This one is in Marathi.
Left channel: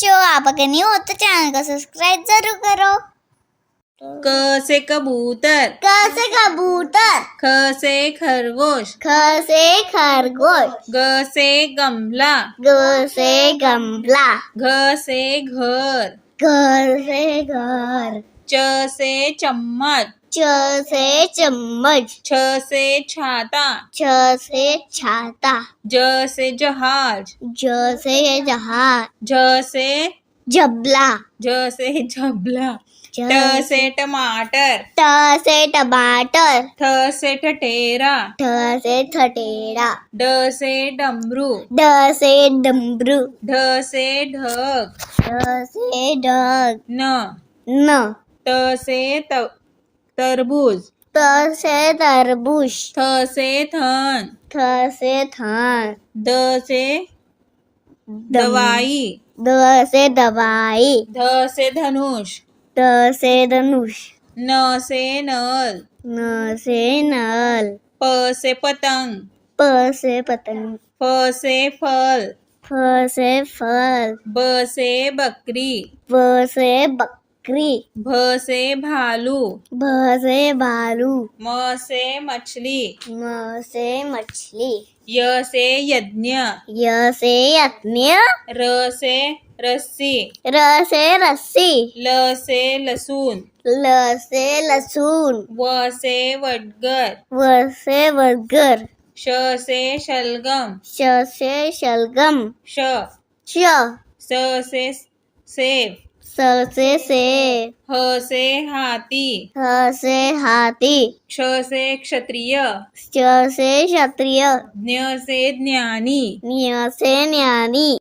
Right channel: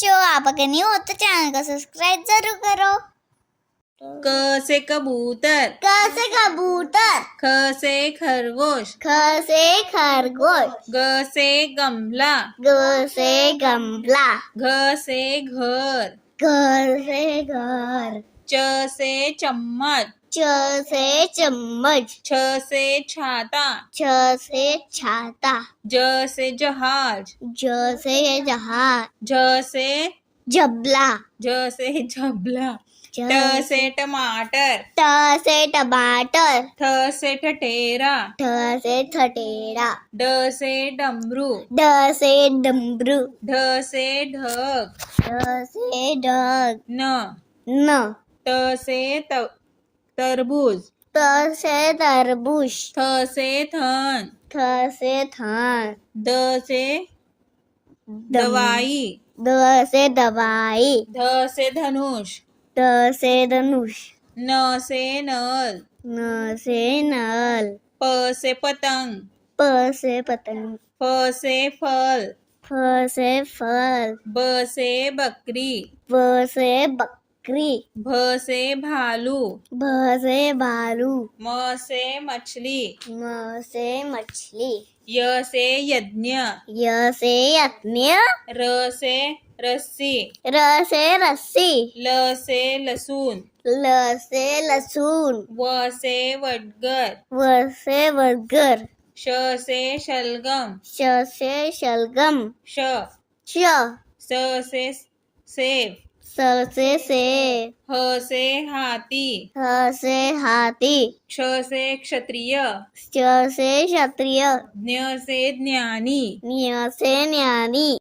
बच्चों, आप अगर न्यू हो तो चैनल को सब्सक्राइब जरूर करो। क से कबूतर, क से कबूतर, ख से खरगोश, ख से खरगोश, ग से गमला, ग से गमला, घ से घर, घर से घर, च से चम्मच, च से चम्मच, छ से छाता, छ से छाता, ज से जहाज, ज से जहाज, झ से झबला, झ से झबला, ट ट से टमाटर, ट से टमाटर, ठ से ठठेरा, ठ से ठठेरा, ड से डमरू, ड से डमरू, ढ से ढग, ढ से ढग, न न त से तरबूज, त से तरबूज, थ से थन, थ से थन, द से दवाई, द से दवाई, ध से धनुष, द से धनुष, न से नल, न से नल, प से पतंग, प से पतंग, फ से फल, फ से फल, ब से बकरी, ब से बकरी, भ से भालू, भ से भालू, म से मछली, म से मछली, य से यज्ञ, य से यज्ञ, र से रस्सी, र से रस्सी, ल से लहसुन, ल से लहसुन, व से वडगर, व से वर्गर, श से शलगम, श से शलगम, श श स से सेब, स से सेब, ह से हाथी, ह से हाथी, क्ष से क्षत्रिय, श से क्षत्रिय, ज्ञ से ज्ञानी, ज्ञ से ज्ञानी,